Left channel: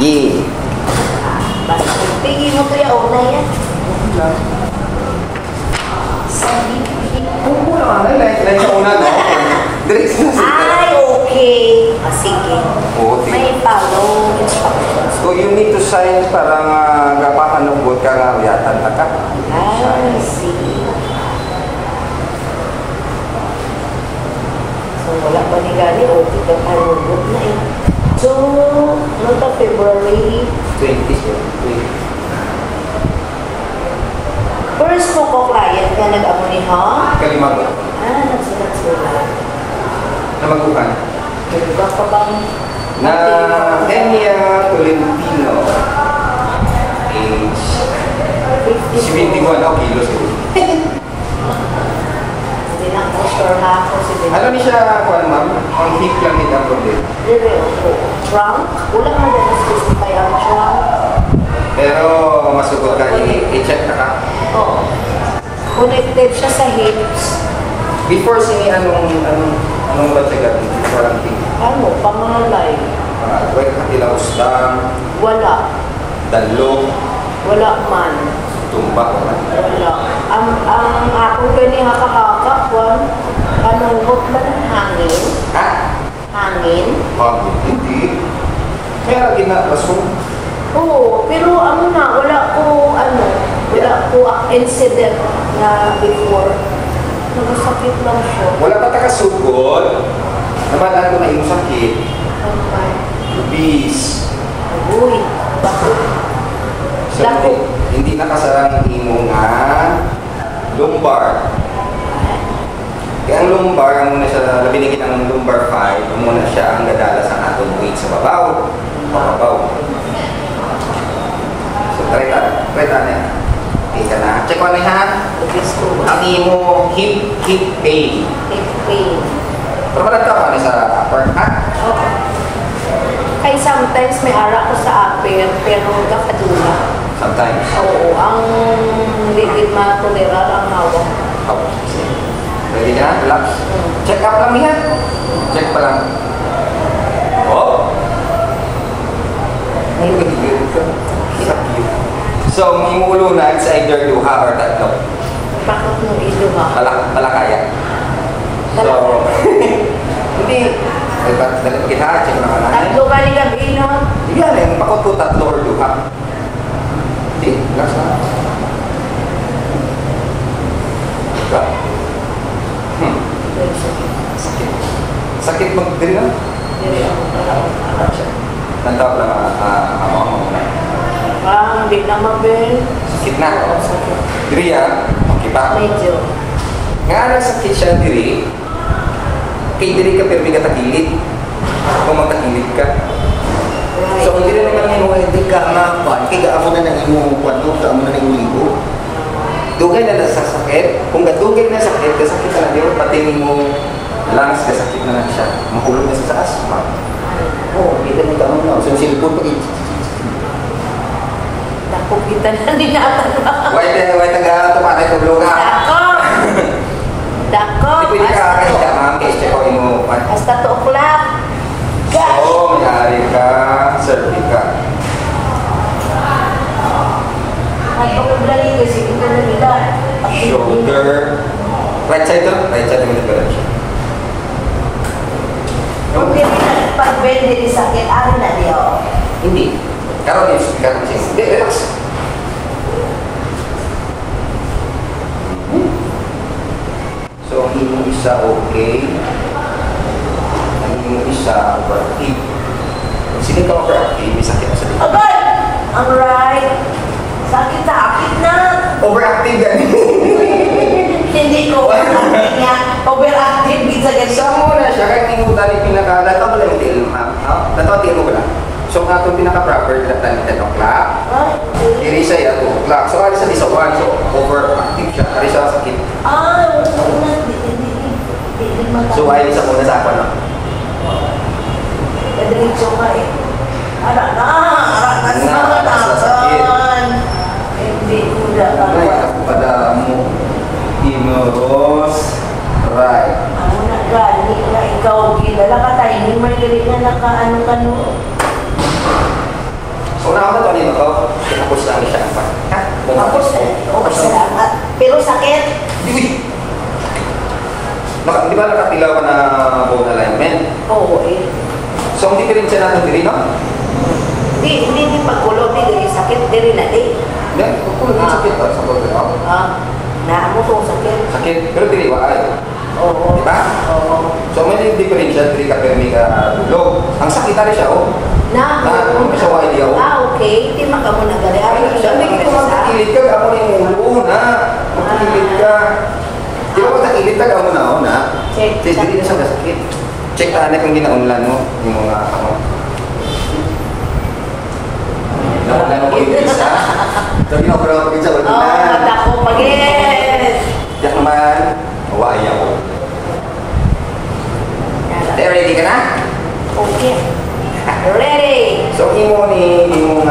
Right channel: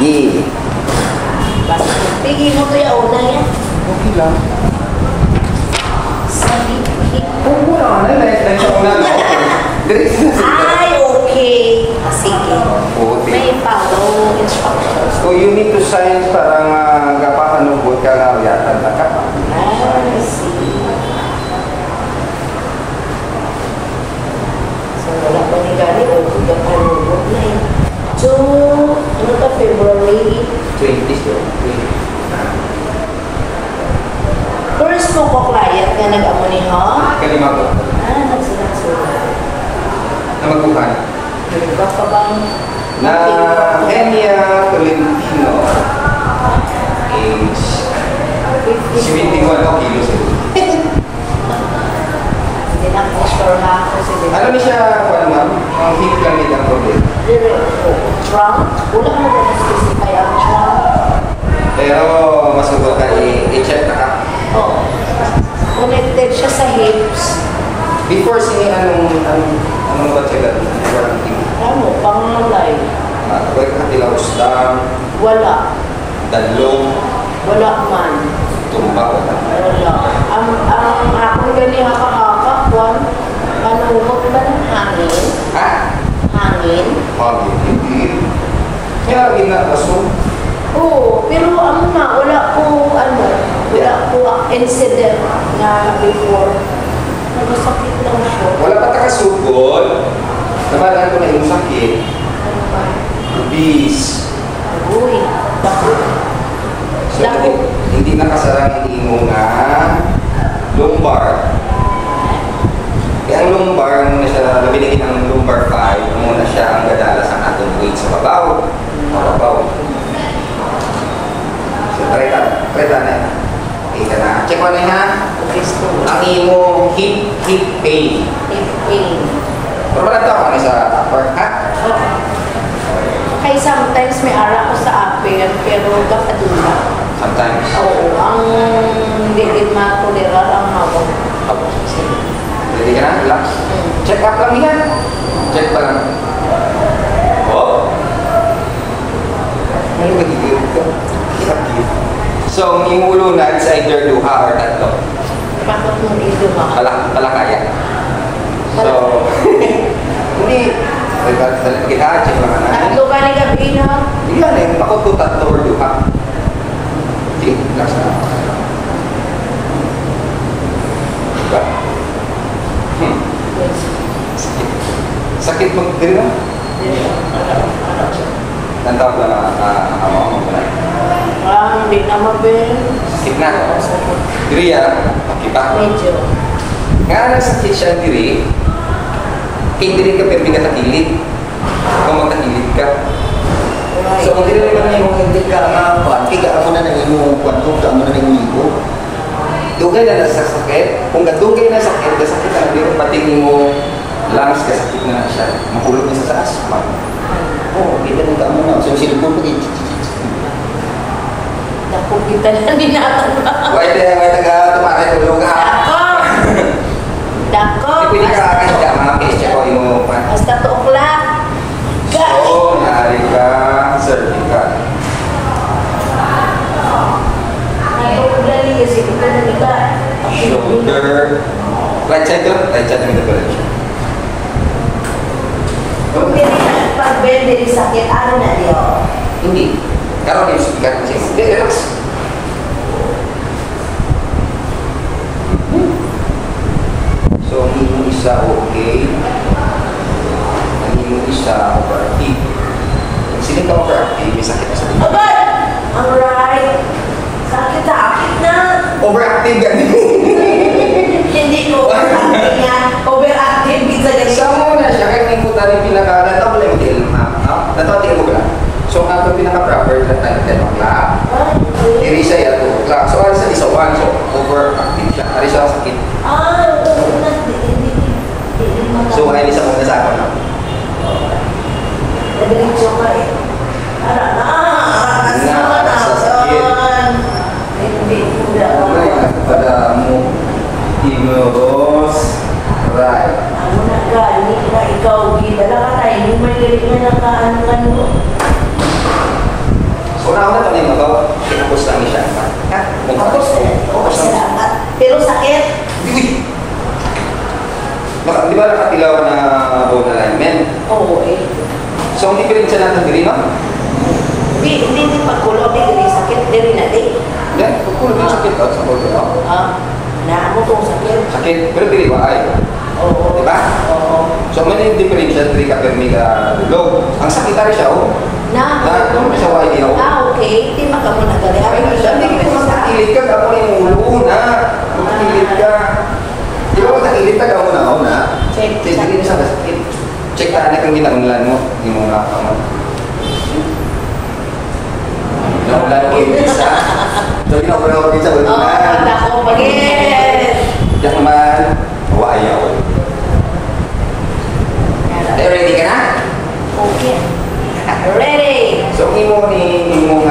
Yeah. Basta pigi mo to yung una yan. Okay lang. Sa hip-hip. Oo lang. Like sa una, no? Diretso na sila. Ay, okay. Ah, sige. Oo, May follow instructions. So you need to sign parang gapahanubot ka nga yatan ka. Ay, sige. So, wala pa ni Gani. Okay, gapahanubot na eh. So, ano ta, February? 20s yun. First mo ko client nga nag-amo ni ha? Kalima ko. Nagsulat-sulat. Na magbukan. Diba ka bang Na Enya Tolentino. Age 71 kilos eh. Hindi na po sure ha. Ano ni siya, kuan ma'am? Ang hip lang nila ang problem. Really, trunk? Wala nga na specify ang trunk. Pero masugot ka, i-check na ka. Oo. Connected siya sa hips. Before sini anong ba check natin? Before ang thing. Ano? Pangalay. Wait ka tila ustang, Wala. danlog, Wala man. tumba, wala. Wala. Ang akong gani haka-haka, kwan, kanungot ba ng hangin? Ha? Hangin? Pagod. Hindi. Kaya lagi na rason. Oo, pero ano na, wala ko incident na before. Nagasakit lang siya. Wala pa takasugod. Nabalaan ko na yung sakit. Ano ba? Lubis. Agoy, dako. So, hindi nakasarang imo nga lumbar. Kaya ang lumbar, ang muna siya, labiligin ang lumbar 5, muna siya ang gadalas ang atong weight sa babaw. Pababaw. So, treta na yan. Okay ka na. Check mo na ha. Gusto. Ang imo hip pain. Hip pain. Pero malagtaw ka na sa upper, ha? Oo. Kaya sometimes may ara ko sa upper, pero kakadula. Sometimes. Oo, ang hindi din matolerar ang hawak. Ready ka na? Relax. Check up lang yan. Check pa lang. Oh. Ano ba dito ka? Sakit. So, ang imulunan is either duha or tatlo. Bakit mo ito ba? Palakaya. So, hindi. Dali pagkita, check lang na. Tatlo ka ni gabi, no? Yan eh, bakit ko tatlo or duha. Okay, relax na. Diba? Sakit. Sakit mag-diri no? Dili ano siya. Nantawag lang amo muna. Hindi naman Ben. Sakit na. Oo, sakit. Diri yan, okay ba? Medyo. Nga sakit siya diri, kay diri ka pero bigat takilid. Kung magtakilid ka. Right. So, kung diri naman mo Hindi ka makapan, kaya ako na nang iyong kwanto, ako na nang ligo. dugay na sa sakit. Kung gadugay na sakit, kasakit na diri, pati mo lungs kasakit na siya. Mahulog na sa asma. Oo, kita mo tamo na. So, silipon pag Dako kita na ninatan ba? Wait ang tumakay tulog ha. Dako! Dako! Hindi pwede ka kakay siya, ma'am. Kaya check ko mo. Basta 2 o'clock. So, nangyari ka, cervical. Natunglan niya kasi ito na nila. Shoulder. Right side to? Right side naman ito siya. Kung hindi na pag-bend, hindi sakit, ano na niyo? Hindi. Karoon yung sikat mo siya. Hindi, relax. So, ang inyong isa okay. Ang inyong isa overactive. Kung sinin ka overactive, may sakit na sa tingin. Agad! Alright. Sakit sa akin na. Overactive yan. Hindi ko overactive nga. Overactive, bisa ganyan. Isa mo na siya, kahit hindi mo tali pinaka, nato pala yung deal, ma'am. No? Nato, tingin mo ba lang? So, ang atong pinaka-proper, tatan 10 o'clock. Diri siya 2 o'clock. So, ari sa isa 1. So, overactive siya. Ari siya sakit. Oo. So, ay isa muna sa ako, no? Nadiritso ka eh. Ara na sa sakit. Hindi ko na Ay, pada mo. Inuros. Right. Ano na gani na ikaw gila ka tayo. May galing na naka ano. na to, ano to? Kinapos lang siya. Ha? Tapos, okay, salamat. Pero sakit. Uy! Di ba nakatilaw ka na bone alignment? Oo eh. So, ang diferensya natin diri, no? Hindi pagkulo, di sakit, di na di. Hindi, pagkulo din sakit, sa bone, no? Naamo tong sakit. Sakit, pero diri ba ay? Oo. Di ba? Oo. So, may diferensya diri ka permi ka dulog. Ang sakit na rin siya, oh. Na, siya wa idea, oh. okay. Di man ka mo nagali. Ay, sabi ko magkakilid ka, ako na yung ulo na. Magkakilid ka. Di ba magkakilid ka, ako na, oh, na? Check. Check sa sakit. Check ka na kung ginaunlan mo, yung mga kamot. Ginaunlan mo yung isa. So, ginaupara ko din sa ulo na. Mata ko pagin. Diyak naman, ayaw. Ready ka na? Okay. Ready. So, imo ni imong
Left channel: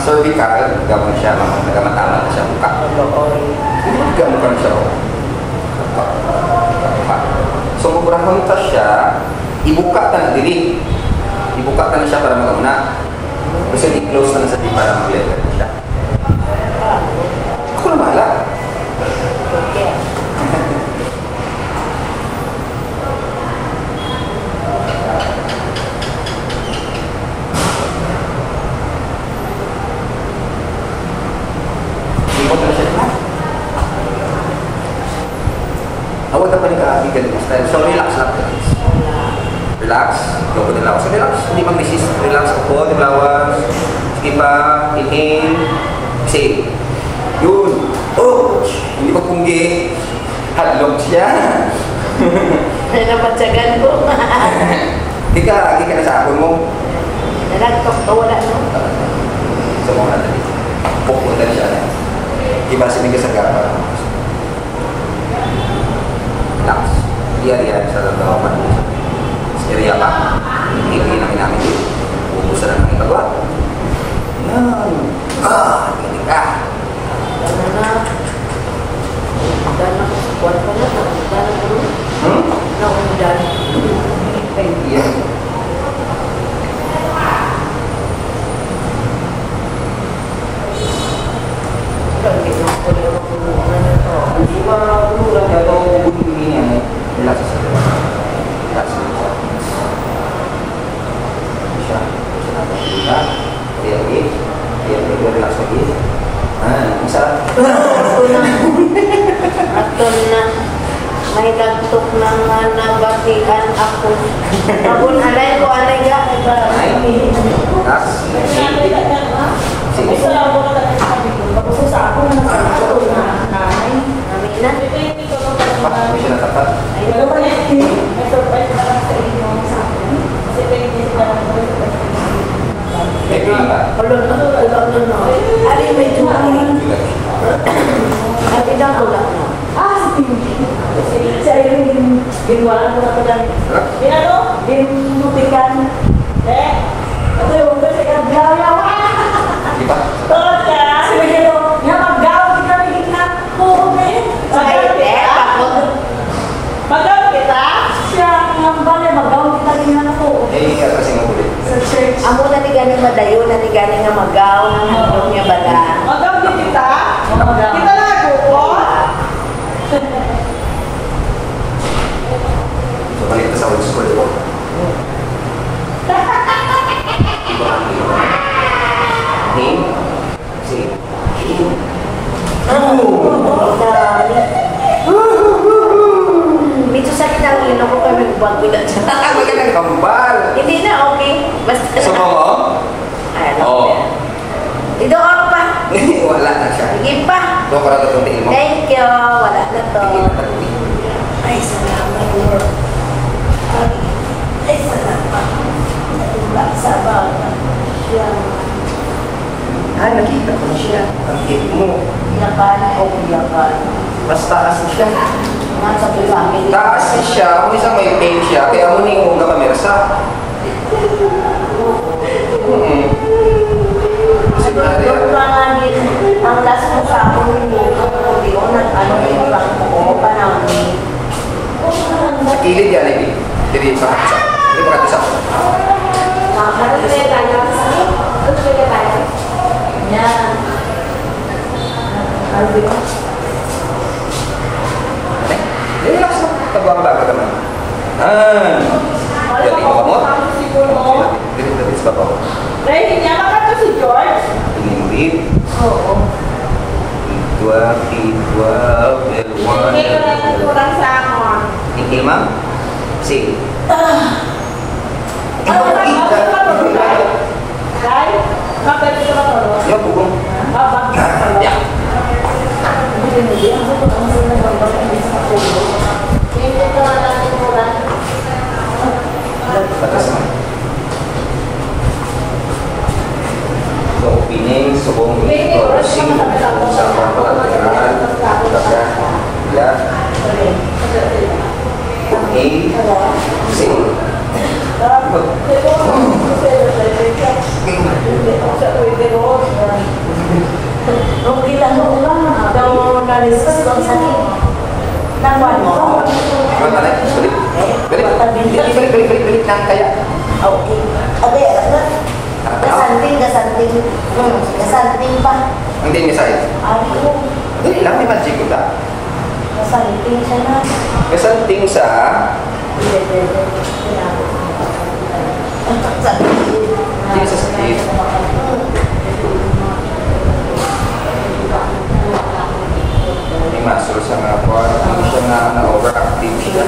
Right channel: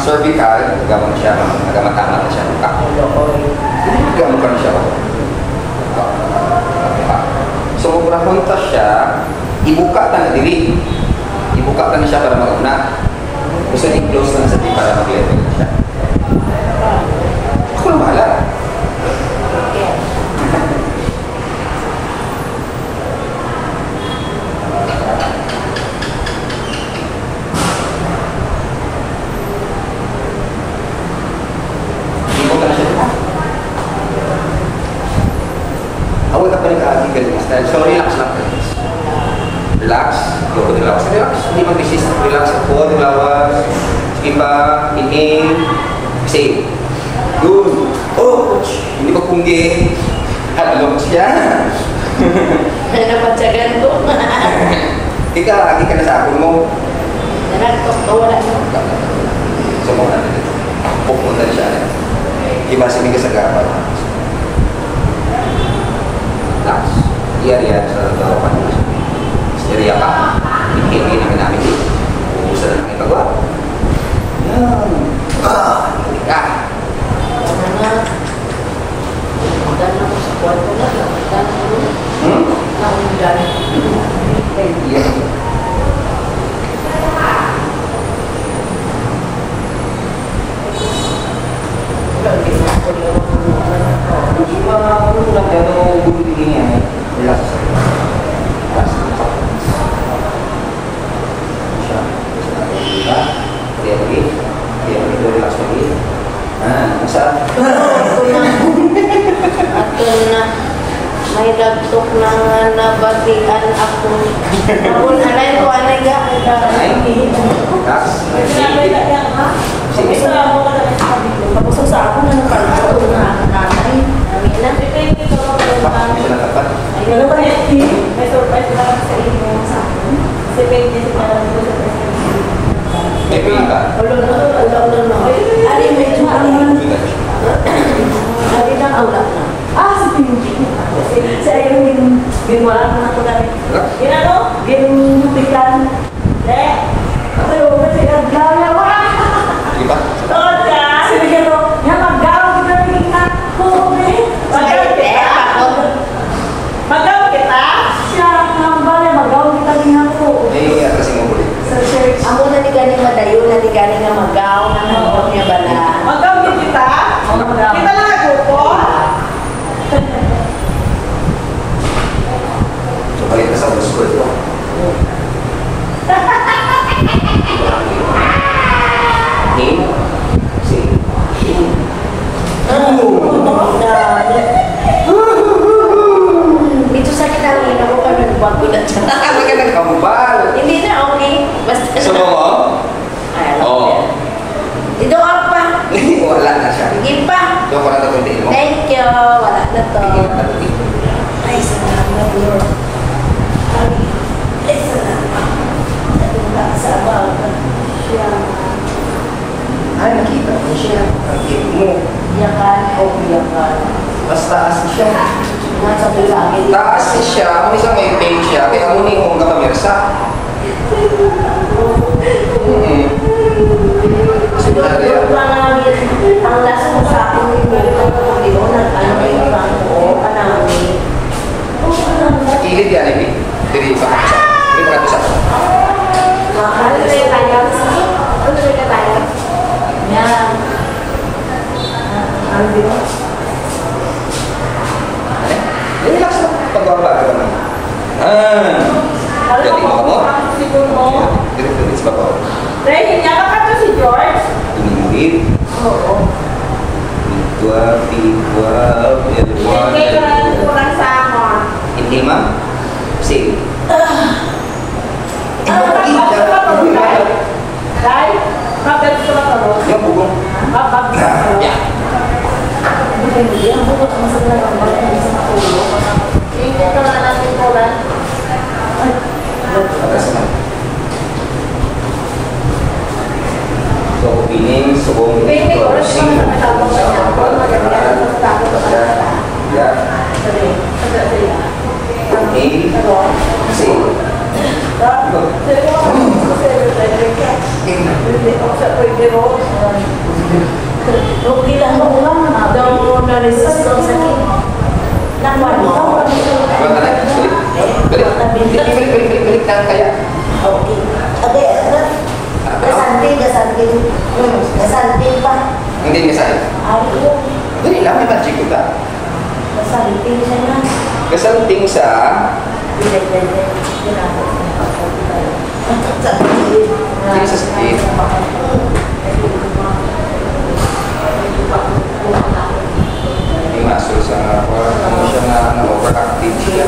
cervical, gamon na siya, nagamatamat na siya buka. Hindi gamon ka na siya, oh. So, murahon ta siya, ibuka ta na diri. Ibuka ta na siya para mag-una. Gusto i-close na sa di para mag-level na siya. Ako na bahala. Okay. Ibuka na siya. Awal ka pa nag-aagigan ng style. So, relax lang. Relax. Go po lawas. Relax. Hindi mag-resist. Relax ako. Lawas. Sige pa. Inhale. Exhale. Yun. Oh! Hindi pa punggi. Halog siya. Napatsagan ko. Ika na sa akon mo. Nalagtok to, wala no? Sa mga natin. Pupunta siya. Iba sinigas sa gapar. Relax. Diyan sa tao pa na. Sterya pa. Hindi namin dito. Uubusan na ng ipagawa. Yan. Hindi ka. Yan na. Dana ko sa kwan ko na. Dana ko na. Naundan. Yan. Hindi ba kung lang gano'n buntingin yan eh. Relax sa iyo. Relax sa iyo. Siya. Siya natin kita. Kaya lagi. Kaya medyo relax lagi. Masarap. Ato na. May dagtok na nga nabatian ako. Abon alay ko anay ga. Ay. Relax. Sige. Amina. Hindi siya natapat. Ayun. May pain ka. Ulang na na. Ari may jumay. Ari daw ulang na. Saya ingin gimana aku tadi? Bila tu, buktikan. Atau yang kita cakap gaul ya wah. Iba? Oh ya, sini kita. Ya gaul kita bikin aku ni. Saya pakot. Magaul kita. Siapa nambah ya magaul kita bikin aku. Eh, atrasin mo ulit. Amo na ni gani madayo na ni gani nga magaw ng handog niya bala. Magaul kita. Kita lang ako po. So, balik na sa old school ko. Name? Say. Medyo sakit ang ino ko kami bago na dyan. Huwag ka nagkambal. Hindi na okay. Basta Sumo mo? Ay, Oo. Ito pa. Wala na siya. Sige pa. So, parang tatuntiin mo. Thank you. Wala na to. Tigil na tatuntiin. Ay, salamat Lord. Ay, salamat. Natulak sa baga. Siya. Ah, nakita ko siya. Ang hip mo. Yakan o yakan. Mas taas na siya. Nasa bilangin. Taas na siya. Kung isang may pain siya, kaya mo ni kung kapamersa. Kasi Doon pa namin, ang last mo sa akin, yung at ano yung bangko, panami. sa kilid yan, eh. Dili sa kapsa. Dili pa kato sa. Ano na tayo? Ano na tayo? Dahil niya baka to si George. Inhale. Oo. T12, L1, Hindi ko lang kulang sa amon. Inhale, ma'am. Say. Dahil, kapit ko na to. Yan, bugong. Yeah. Hindi ko na natin kulang. Pagkas naman. So, opening, subong, closing, sa pagkakaroon, pagka, yeah. Inhale, say. Okay lang mo lang. Daw na-resist ang sakit. Nagwan mo. Kuha na lang, balik. Balik lang kaya. Okay. Ate, gasanting pa. Hindi niya sa'yo. Ari ko. Dali lang, may magic ko ta. Gasanting siya na. Kasanting sa hindi sa sakit. May muscle sa nga po. Ano siya nga na-overactive siya.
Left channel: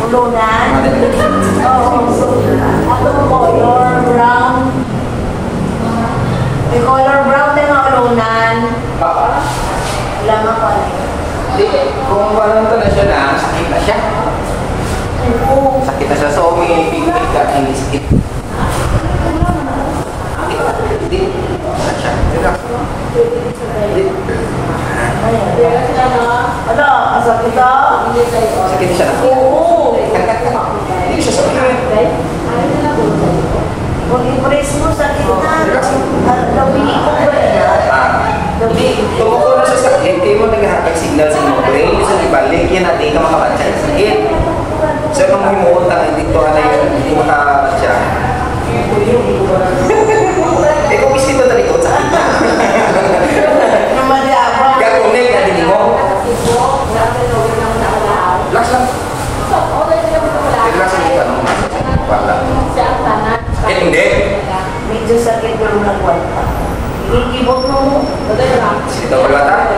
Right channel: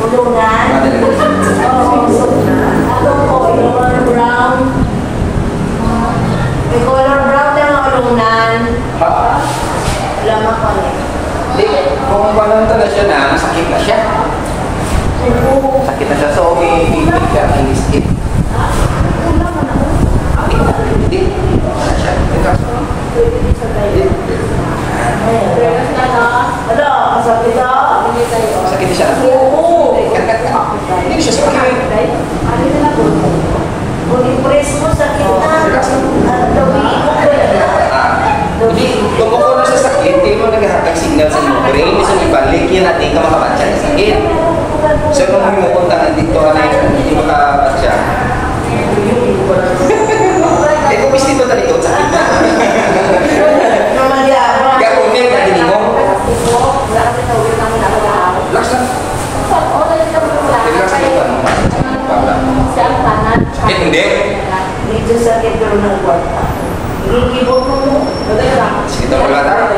Ulunan. Oo. Atong color brown. May color brown na nga ulunan. Lama pa lang. Hindi, kung parang talaga siya na, sakit na siya. Oo. Sakit na siya. So, may big ka in his skin. Hindi. Wala siya. Relax. Hindi. Ano? Masakit ka? Sakit na siya na. Oo. Hindi siya sakit. Kung i-press mo, sakit na. Dawi ko ba na? Hindi, tumuko na sa sakit, hindi mo naghahatag signal sa iyong brain, so ibalik yan natin ka makabansya ng sakit. So, nung himukunta nga, hindi hindi makabansya. Eh, kung bisito na dito, sakit na. Gagunig na din mo. Relax lang. Relax lang tanong mo. Wala. Sakit hindi. Medyo sakit pero nagwat pa. Ikibot mo. Sinito mo liwata?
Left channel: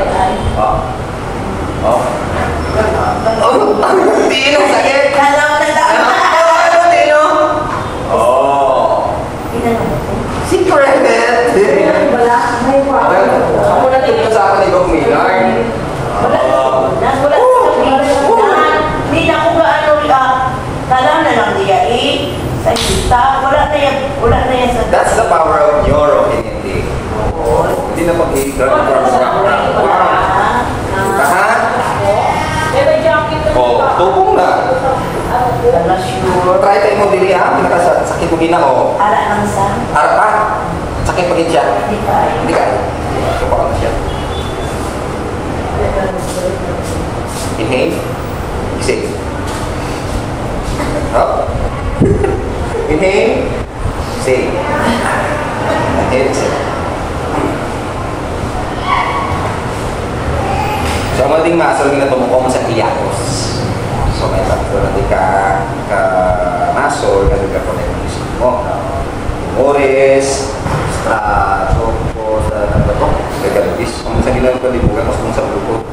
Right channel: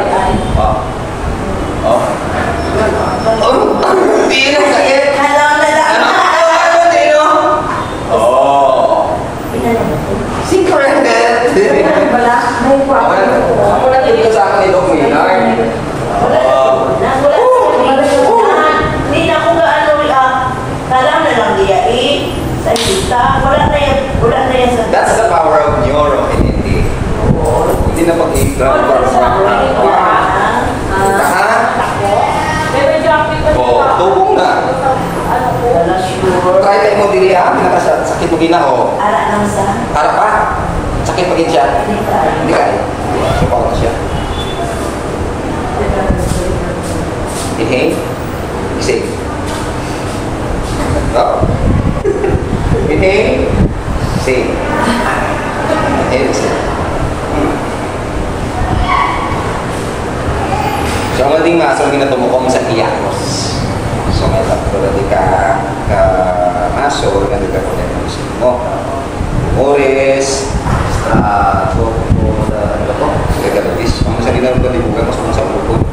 Oh. Oh. Oh. Hindi yun ang sakit. Alam na lang. Ano din, no? Oh. Pinanong mo. Secret! Wala. May Okay, ako nagkita sa akin ni Doc Maynard. Wala. Hindi na ako gaano kalam na lang niya sa kita. Wala na yan sa... That's the power of neuro and hindi. Hindi na pag-i-rock. Ha? Oh, tubong na. Wala sure. Try tayo mo dili ha, pinakasakit mo gina o. Ara nang sa... Harap pa. Sakit pa siya. Hindi kaya. Hindi kaya. Sumpakan na siya. Inhale. Exhale. Up. Inhale. Exhale. Inhale. Exhale. So, ang maling muscle nga tumukom sa iliacus. So, may tapos na di ka muscle, kasi ka connect ng isip mo. Oris, toko, ano ba ito? Legalvis. Ang sa ginawang kalimugan, mas kung sa bukod.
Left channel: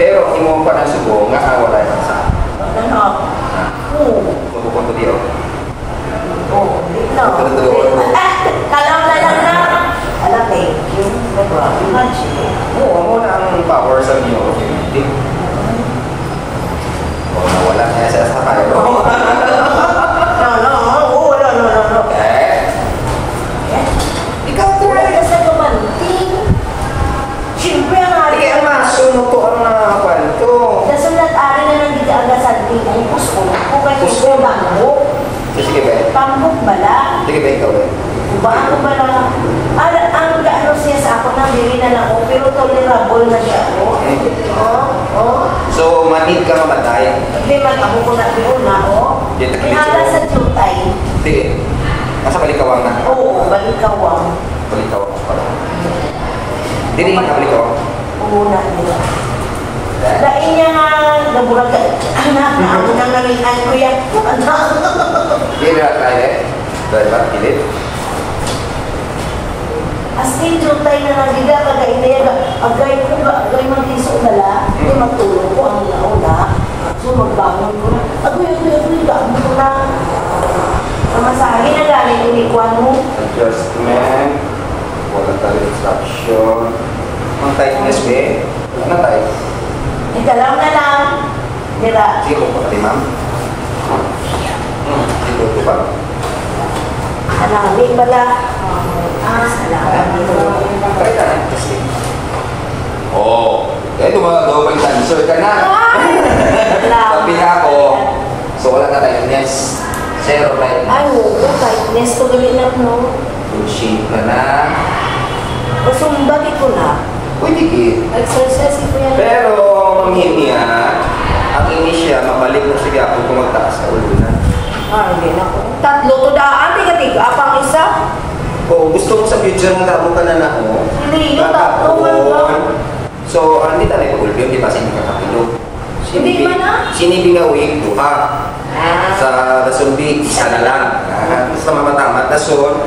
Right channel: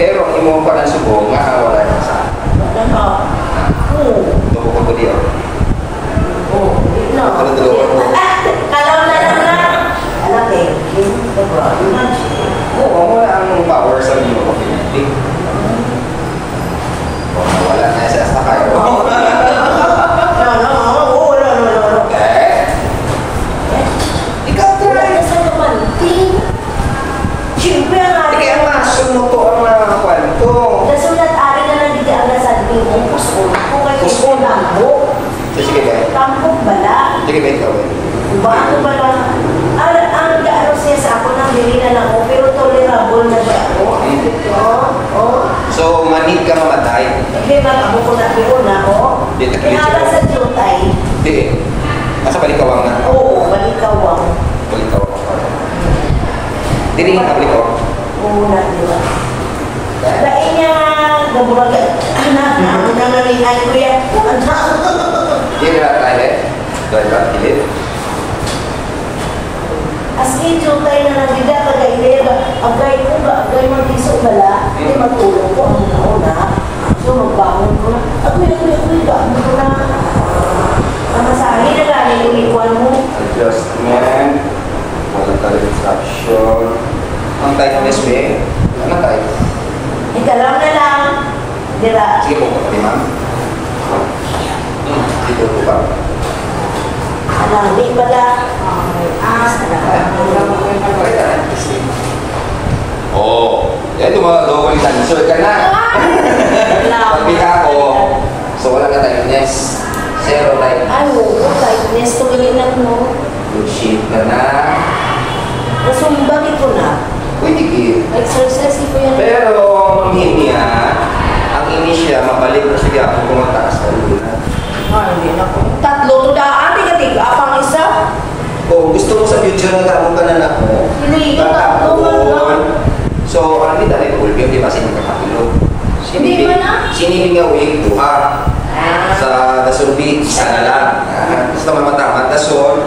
Pero, ang imo pa ng subo, nga wala yan sa... Ano? Oo. Mabukod ko diyo. Oo. No. Kalam na lang na. Alam eh. Yung problem siya. Oo, mo na ang power sa neurokinetic. Kung nawala niya sa kaya ko. No. Okay. Ikaw try. Sa kabanting. Siyempre nga. Kaya ang muscle mo to ang nakakwanto. Nasulat ari na lang dito agasan tingong puson. Kung kayo Puson? tambok. Sige ba? Tambok bala. Sige ba ikaw eh? Bago ba lang? Ang gaano siya sa ako nang dili na lang ako, pero tolerable na siya ako. Oo. So, manid ka mamatay? Hindi man ako ko na doon na ako. Di, taklit Kinala siya. sa jutay. Hindi eh. Nasa balikawang na. Oo, balikawang. Balikawang ako. Hindi rin nga balikawang. Oo na, di ba? Dahil niya naburaga. Anak, ako na nalihan ko yan. Kaya na-try eh. Try ba? Kilit? As in, tayo na nagida, kada-ilera. Agay ko ba, agay mag-iso bala. Hindi matulog ko ang nauna. So, magbangon ko na. Agoy, gamit ko na. Ang masahe na galing inikuan mo. Adjustment. Wala tayo instruction. Ang tightness, be? Ano tight? Ikalam na lang. Dira. Sige po, pati ma'am. Dito po ba? Alami bala. Salamat. Try ka na. Oo. Kaya double dancer ka na. Sabi ka ako. So wala na tightness. Zero tightness. Ay, oo. Tightness to galinat, no? Good shape ka na. Rasumbagi ko na. Pwede kit. Exercise ko yan. Pero, Ma'am Hinia, ang inisya, mabalik na sige ako kung magtaas ka ulo na. Hindi na ko. Tatlo to daan. Tiga-tiga pang isa. Kung gusto mo sa future ng kamong kananak mo, Hindi, yung tatlo man lang. So, hindi tayo mag-ulbyo, di ba? Hindi ka katulog. Hindi man na. Sinibing nga week, duha. Sa dasun B, isa na lang. Basta mamatama, dasun,